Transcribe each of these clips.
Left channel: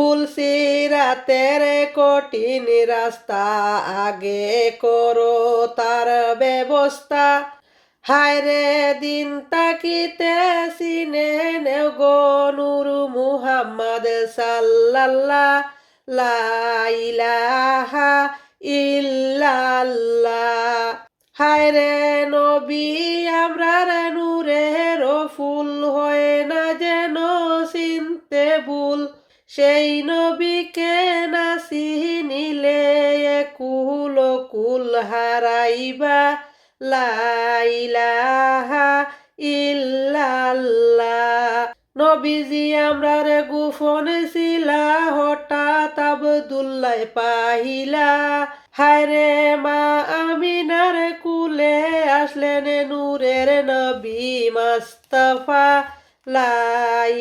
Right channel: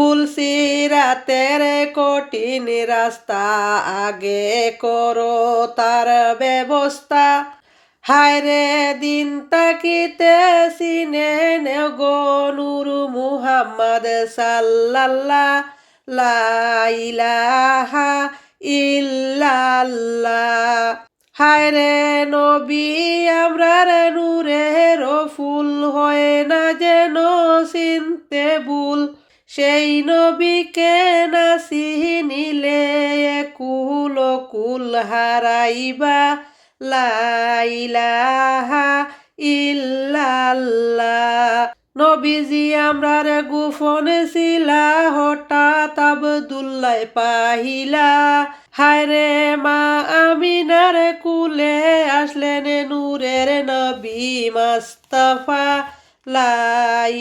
ফুলসিরাতের কঠিন রাস্তা আগে করো তার ব্যবস্থা। হায়রে দিন তাকিতে সিনে নেও গো নূর মুহাম্মদ সাল্লাল্লাহ লা ইলাহা ইল্লাল্লাহ। হায়রে নবী আমরার নূরের ফুল হয় না যেন চিনতে ভুল। সেই নবীকে না চিনিলে কুল কুল হারাইবা লা ইলাহা ইল্লাল্লাহ। নবীজি আমরার গোপন ছিলা হঠাৎ আব্দুল্লাহ পাহিলা। হায়রে মা আমিনার কুলে আসলেন নূরের নবী মুস্তাফা লা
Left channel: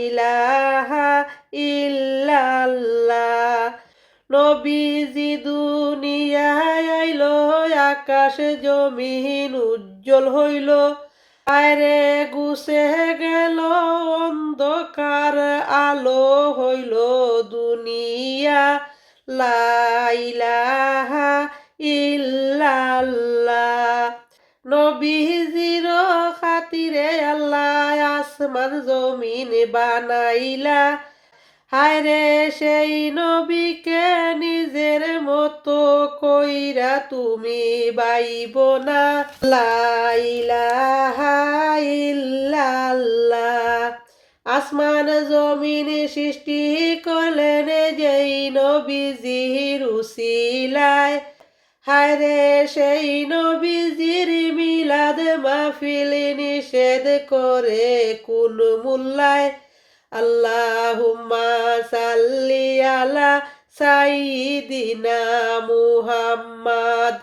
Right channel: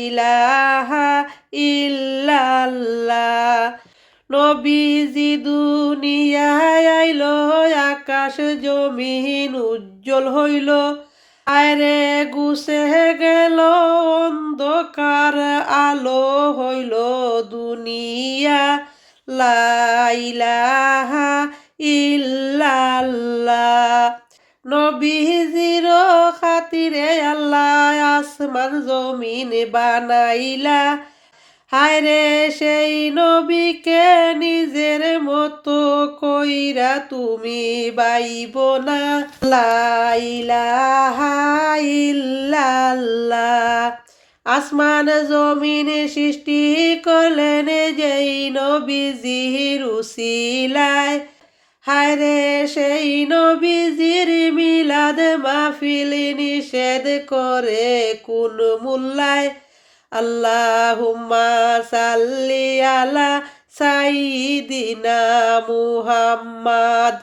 ইলাহা ইল্লাল্লাহ। নবীজি দুনিয়ায় আইলো আকাশ জমিন উজ্জ্বল হইল। আরে গুছে গেল অন্ধকার আলো হইল দুনিয়া লা ইলাহা ইল্লাল্লাহ। নবীজির খাতিরে আল্লাহ আসমান জমিন বানাইলা। হায়রে সেই নবীকে নিজের মতো কইরা তুমি বাইব না লা ইলাহা ইল্লাল্লাহ। আসমান জমিন সৃষ্টি করলেন যেই নবীজির উসিলায়। হায়রে সেই নবীজির মিলাদ মাহফিল নিষেধ করে কোন মুল্লায়। আল্লাহুম্মা সাল্লি আলা সাইয়্যিদিনা মুহাম্মাদ।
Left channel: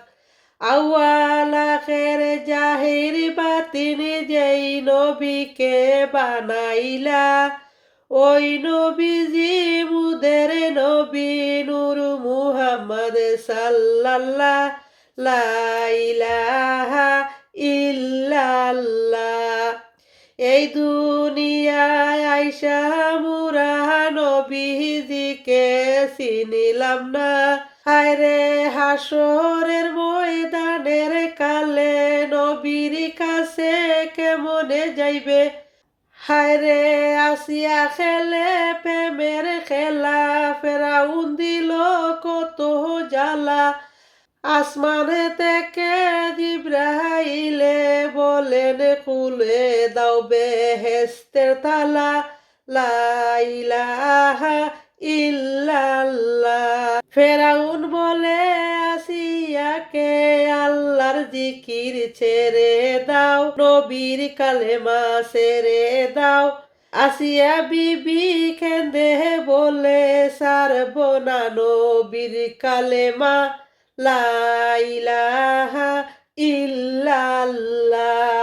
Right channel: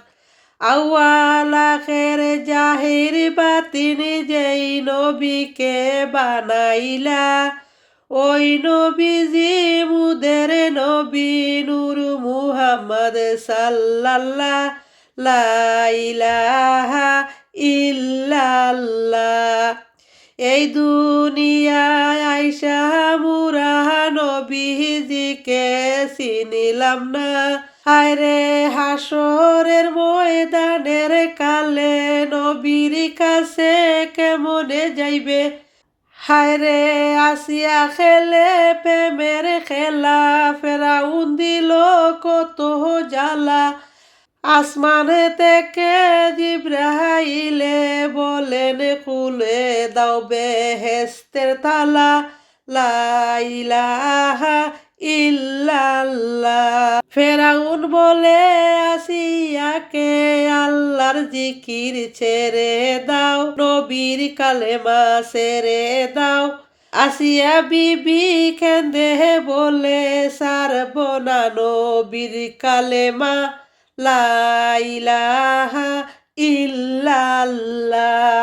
আউয়াল আখির জাহির বাতিন যেই নবীকে বানাইলা। ওই নবীজি মুদের নবী নূর মুহাম্মদ সাল্লাল্লাহ লা ইলাহা ইল্লাল্লাহ। এই দুনিয়ায় আইসা মুরা নবীজিকে চিনিলাম না। হায়রে হাসরের ময়দানের কালে নবীর কাছে কেমনে যাইবে। হায়রে আসিয়া খেলে প্রেমের খেলা ফেরাউন দিল কত জ্বালা। আসমানে থেকে জিবরাইলে বলেন খুলে দাও বেহেশতের তালা লা ইলাহা ইল্লাল্লাহ। ফেরাউন বলে আসিয়াকে আল্লাহর জিকির ছেড়ে দাও নবীর কালেমা ছেড়ে দাও। আসিয়া বিবি কেঁদে বলে সারব না নবীর কালেমা লা ইলাহা ইল্লাল্লাহ।